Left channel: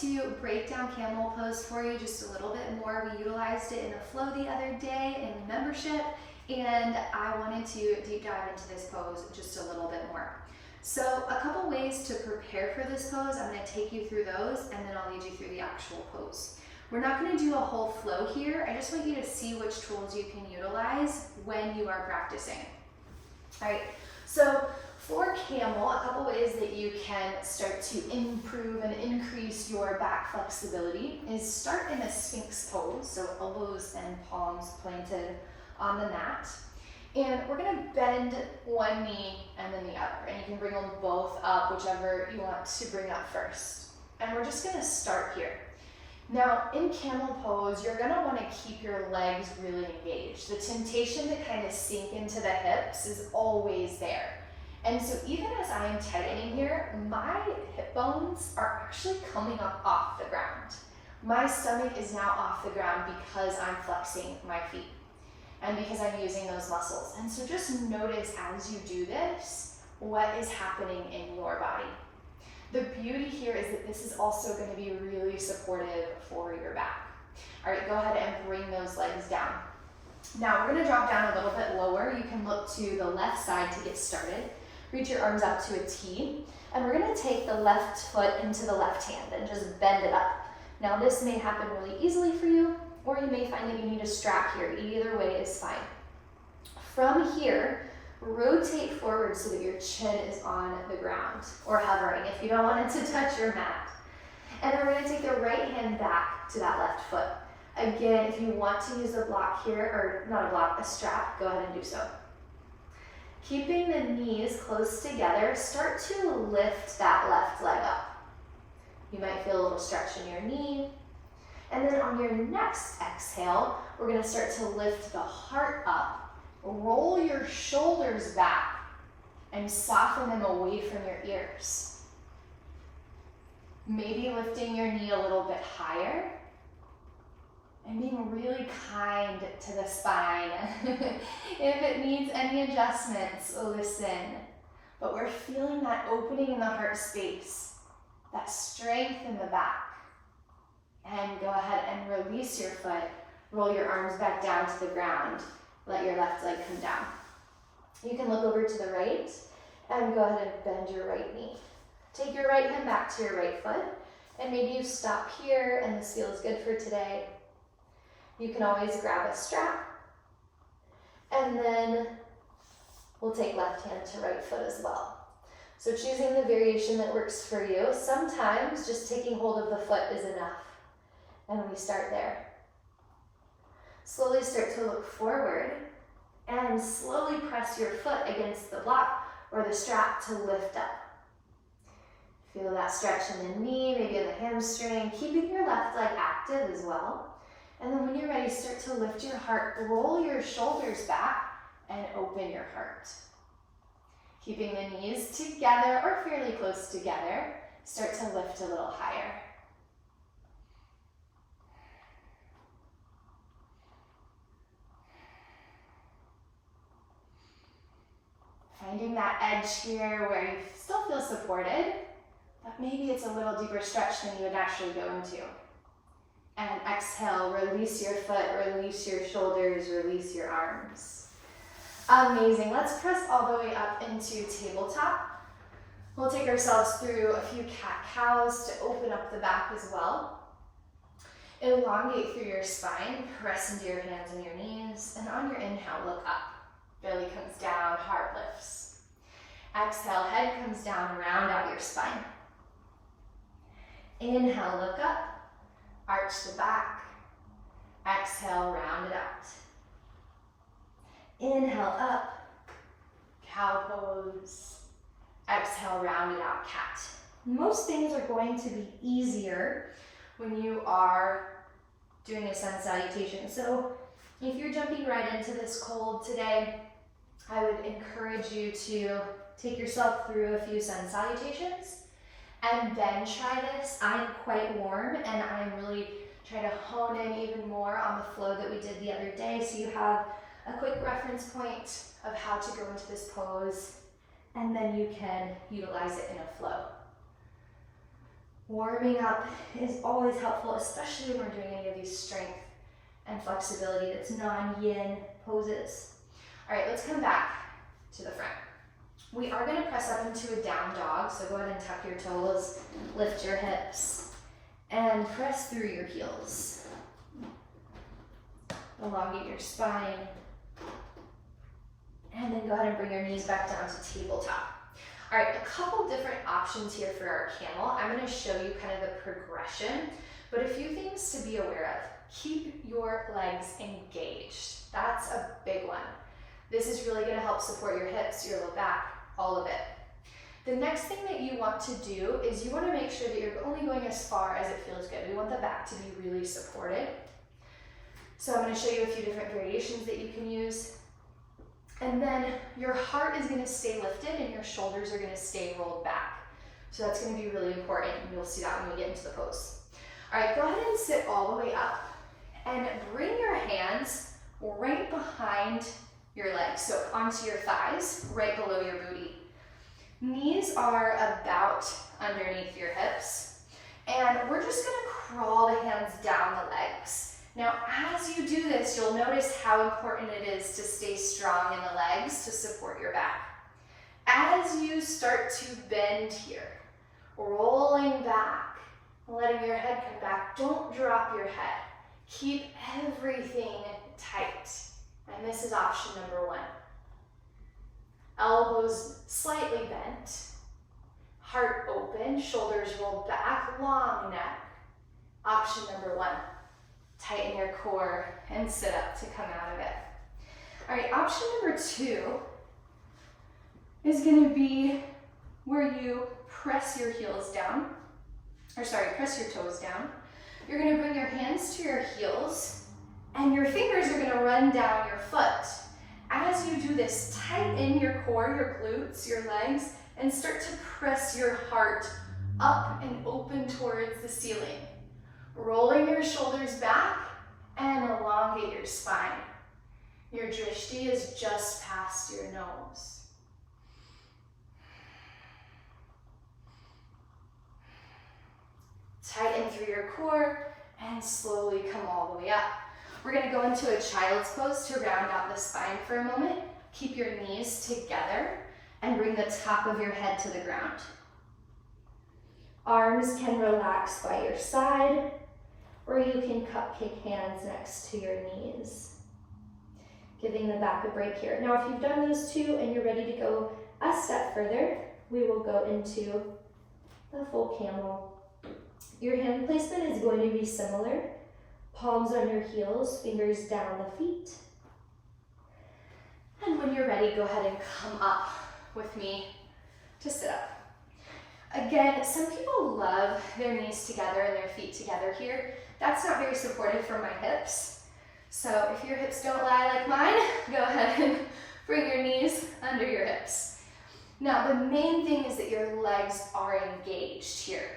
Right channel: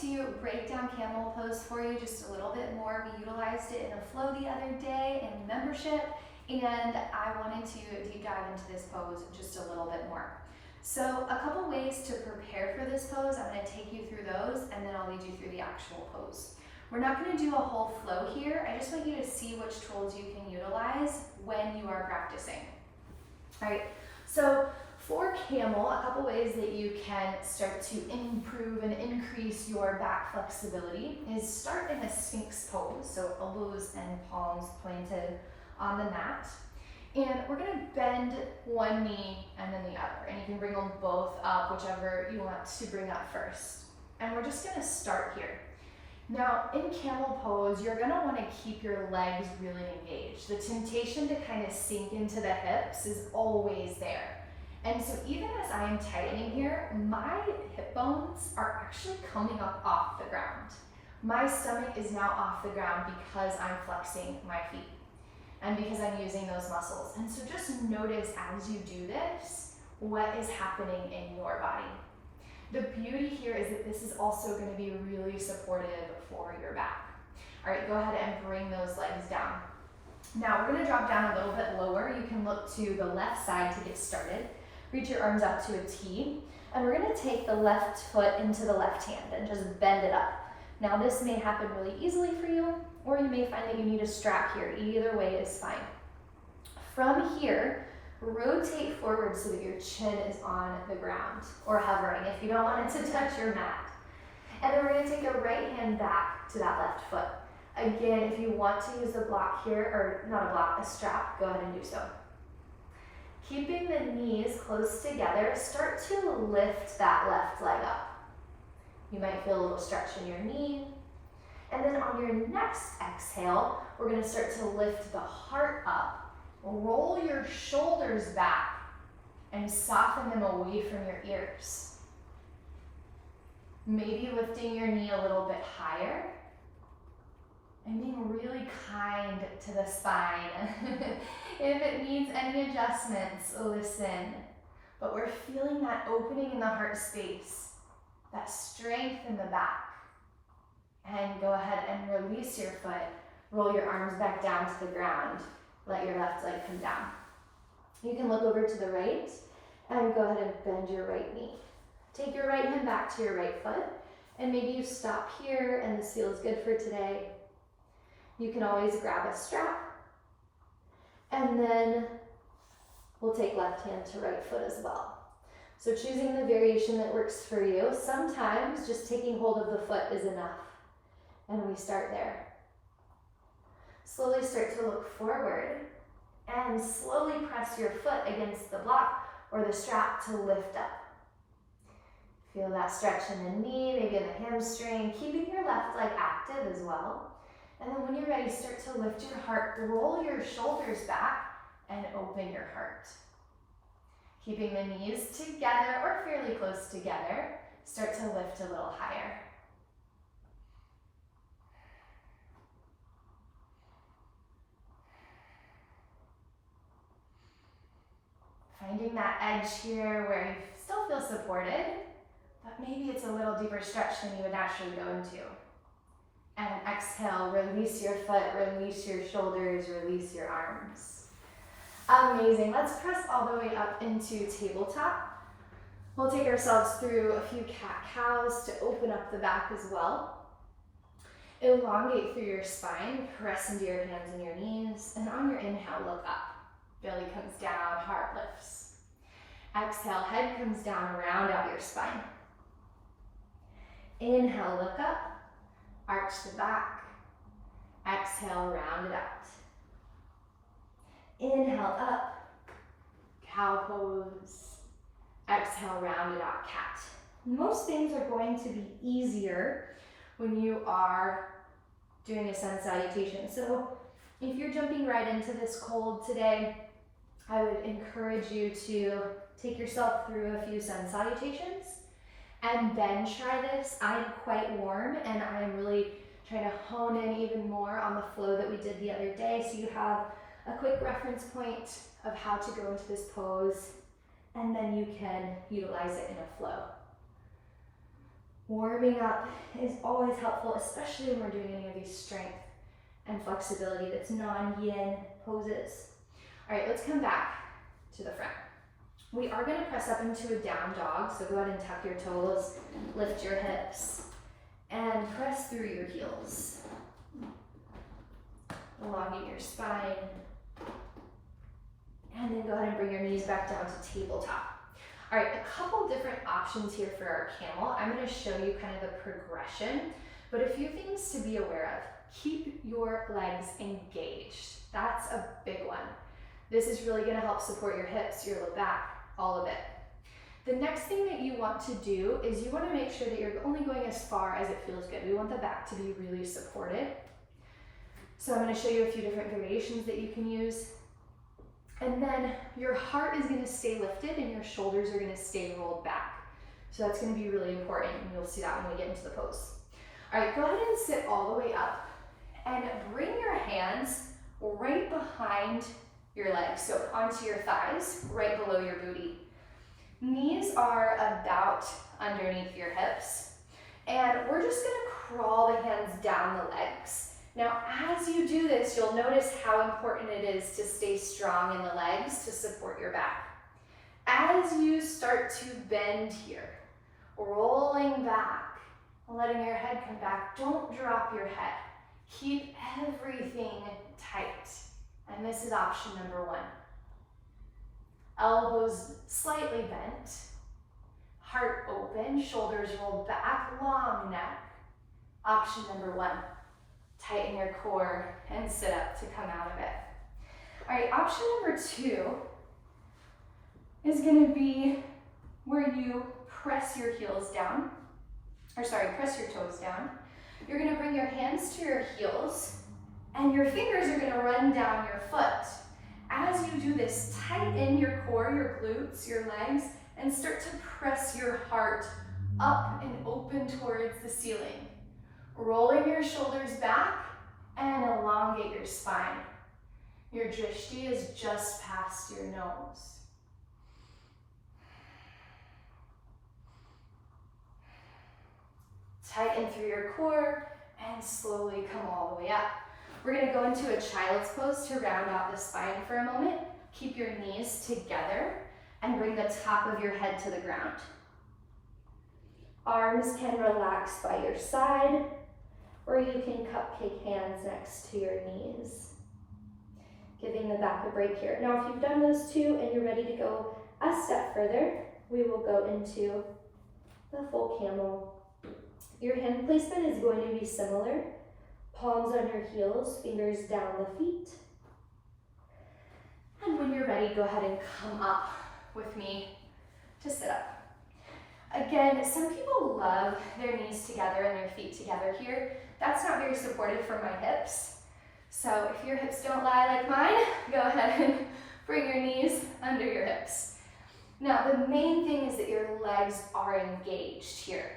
to break down camel pose for you just a little bit more. We utilized it in a flow the other day in membership, and I wanted to deep dive into this pose just a little bit more. So a couple ways to prepare for this pose. I'm going to take you through those, and then I'll lead you through the actual pose. We're not going to do a whole flow here. I just want you to see which tools you can utilize when you are practicing. All right, so for camel, a couple ways that you can start to improve and increase your back flexibility is start in a sphinx pose, so elbows and palms planted on the mat. And we're gonna bend one knee and then the other, and you can bring them both up, whichever you want to bring up first. And we're just gonna start here. Now, in camel pose, you're gonna wanna keep your legs really engaged. The temptation to kind of sink into the hips is always there. And so even as I'm tightening here, my hip bones are actually coming up off the ground. My stomach is now off the ground because I'm flexing my feet and because I'm using those muscles. And so just notice as you do this, what is happening in your body. The beauty here is that this is also going to be really supportive for your back. All right, go ahead and bring those legs down. Now we're going to drop down a little bit lower. You can look to the left side to get started. Reach your arms out to a T, and we're going to take the left foot into the left hand and just bend it up. Now this may happen really easily for you, or you may find that you need a strap here. Either way is fine. From here, rotate forward so that your chin is on the ground, or hovering if you don't want it to touch your mat. And then we're going to take the right hand back to that left foot. Again, if you want to use a block here, or not a block, a strap, go ahead and do so. Keeping the knees close together, start to lift that left leg up. You might feel a little stretch in your knee. And then on your next exhale, we're going to start to lift the heart up. Roll your shoulders back and soften them away from your ears. Maybe lifting your knee a little bit higher and being really kind to the spine. If it needs any adjustments, listen. But we're feeling that opening in the heart space, that strength in the back. And go ahead and release your foot. Roll your arms back down to the ground. Let your left leg come down. You can look over to the right and go ahead and bend your right knee. Take your right hand back to your right foot, and maybe you stop here and this feels good for today. You can always grab a strap, and then we'll take left hand to right foot as well. So choosing the variation that works for you. Sometimes just taking hold of the foot is enough, and we start there. Slowly start to look forward and slowly press your foot against the block or the strap to lift up. Feel that stretch in the knee, maybe in the hamstring, keeping your left leg active as well. And then when you're ready, start to lift your heart, roll your shoulders back and open your heart. Keeping the knees together or fairly close together, start to lift a little higher. Finding that edge here where you still feel supported, but maybe it's a little deeper stretch than you would naturally go into. And exhale, release your foot, release your shoulders, release your arms. Amazing. Let's press all the way up into tabletop. We'll take ourselves through a few cat-cows to open up the back as well. Elongate through your spine, press into your hands and your knees, and on your inhale, look up. Belly comes down, heart lifts. Exhale, head comes down, round out your spine. Inhale, look up. Arch the back. Exhale, round it out. Inhale up, cow pose. Exhale, round it out, cat. Most things are going to be easier when you are doing a sun salutation. So if you're jumping right into this cold today, I would encourage you to take yourself through a few sun salutations and then try this. I'm quite warm and I'm really trying to hone in even more on the flow that we did the other day, so you have a quick reference point of how to go into this pose, and then you can utilize it in a flow. Warming up is always helpful, especially when we're doing any of these strength and flexibility that's non-yin poses. All right, let's come back to the front. We are going to press up into a down dog, so go ahead and tuck your toes, lift your hips, and press through your heels. Elongate your spine, and then go ahead and bring your knees back down to tabletop. All right, a couple different options here for our camel. I'm going to show you kind of the progression, but a few things to be aware of. Keep your legs engaged. That's a big one. This is really going to help support your hips, your low back, all of it. The next thing that you want to do is you want to make sure that you're only going as far as it feels good. We want the back to be really supported. So I'm going to show you a few different variations that you can use. And then your heart is going to stay lifted and your shoulders are going to stay rolled back. So that's going to be really important, and you'll see that when we get into the pose. All right, go ahead and sit all the way up and bring your hands right behind your legs, so onto your thighs, right below your booty. Knees are about underneath your hips, and we're just going to crawl the hands down the legs. Now, as you do this, you'll notice how important it is to stay strong in the legs to support your back. As you start to bend here, rolling back, letting your head come back, don't drop your head. Keep everything tight. And this is option number one. Elbows slightly bent, heart open, shoulders rolled back, long neck. Option number one. Tighten your core and sit up to come out of it. All right, option number two is going to be where you press your heels down, press your toes down. You're going to bring your hands to your heels and your fingers are going to run down your foot. As you do this, tighten your core, your glutes, your legs, and start to press your heart up and open towards the ceiling. Rolling your shoulders back and elongate your spine. Your drishti is just past your nose. Tighten through your core and slowly come all the way up. We're going to go into a child's pose to round out the spine for a moment. Keep your knees together and bring the top of your head to the ground. Arms can relax by your side, or you can cupcake hands next to your knees, giving the back a break here. Now, if you've done those two and you're ready to go a step further, we will go into the full camel. Your hand placement is going to be similar. Palms on your heels, fingers down the feet. And when you're ready, go ahead and come up with me to sit up. Again, some people love their knees together and their feet together here. That's not very supportive for my hips. So if your hips don't lie like mine, go ahead and bring your knees under your hips. Now, the main thing is that your legs are engaged here.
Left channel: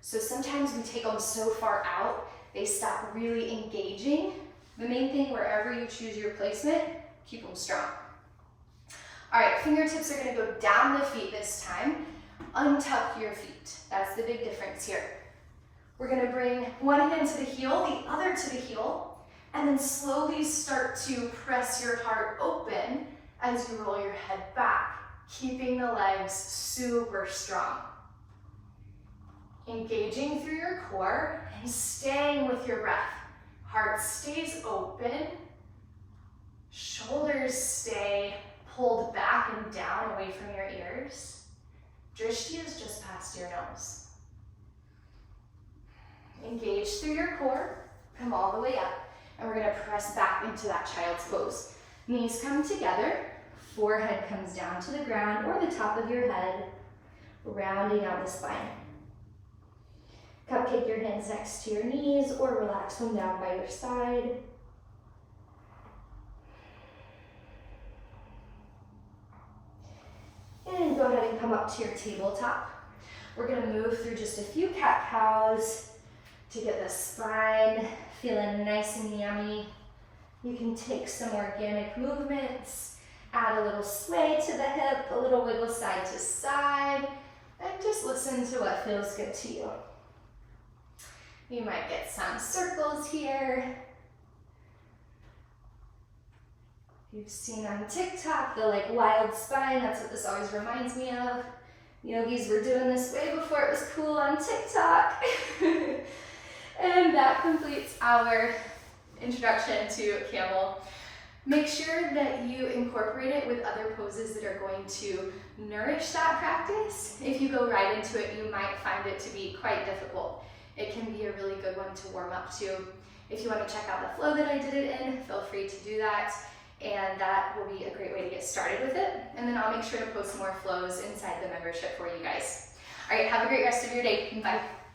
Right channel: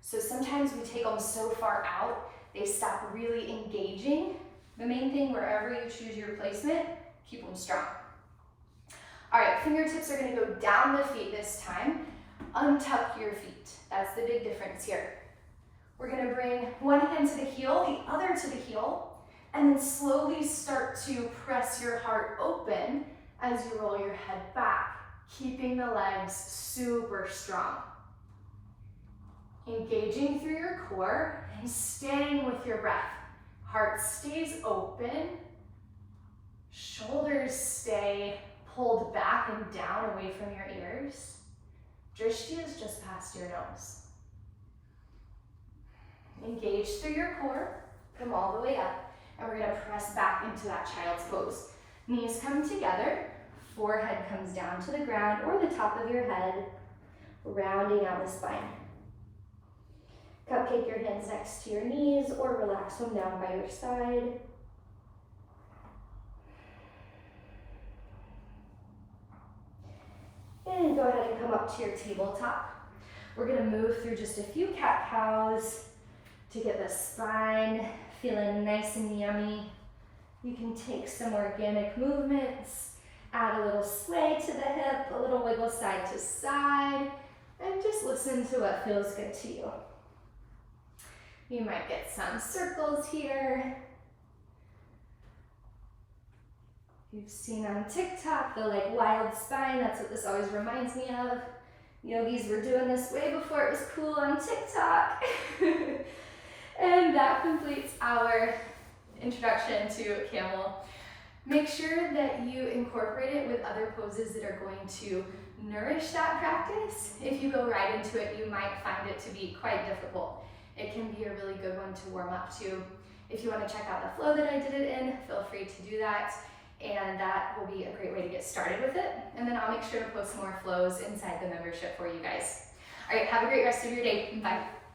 So sometimes we take them so far out, they stop really engaging. The main thing, wherever you choose your placement, keep them strong. All right, fingertips are gonna go down the feet this time. Untuck your feet. That's the big difference here. We're gonna bring one hand to the heel, the other to the heel, and then slowly start to press your heart open as you roll your head back, keeping the legs super strong. Engaging through your core and staying with your breath. Heart stays open, shoulders stay pulled back and down away from your ears. Drishti is just past your nose. Engage through your core, come all the way up, and we're gonna press back into that child's pose. Knees come together, forehead comes down to the ground or the top of your head, rounding out the spine. Cupcake your hands next to your knees or relax them down by your side. And go ahead and come up to your tabletop. We're gonna move through just a few cat-cows to get the spine feeling nice and yummy. You can take some organic movements, add a little sway to the hip, a little wiggle side to side, and just listen to what feels good to you. You might get some circles here. You've seen on TikTok the like wild spine. That's what this always reminds me of. Yogis were doing this way before it was cool on TikTok. And that completes our introduction to Camel. Make sure that you incorporate it with other poses that are going to nourish that practice. If you go right into it, you might find it to be quite difficult. It can be a really good one to warm up to. If you want to check out the flow that I did it in, feel free to do that. And that will be a great way to get started with it. And then I'll make sure to post more flows inside the membership for you guys. All right, have a great rest of your day. Bye.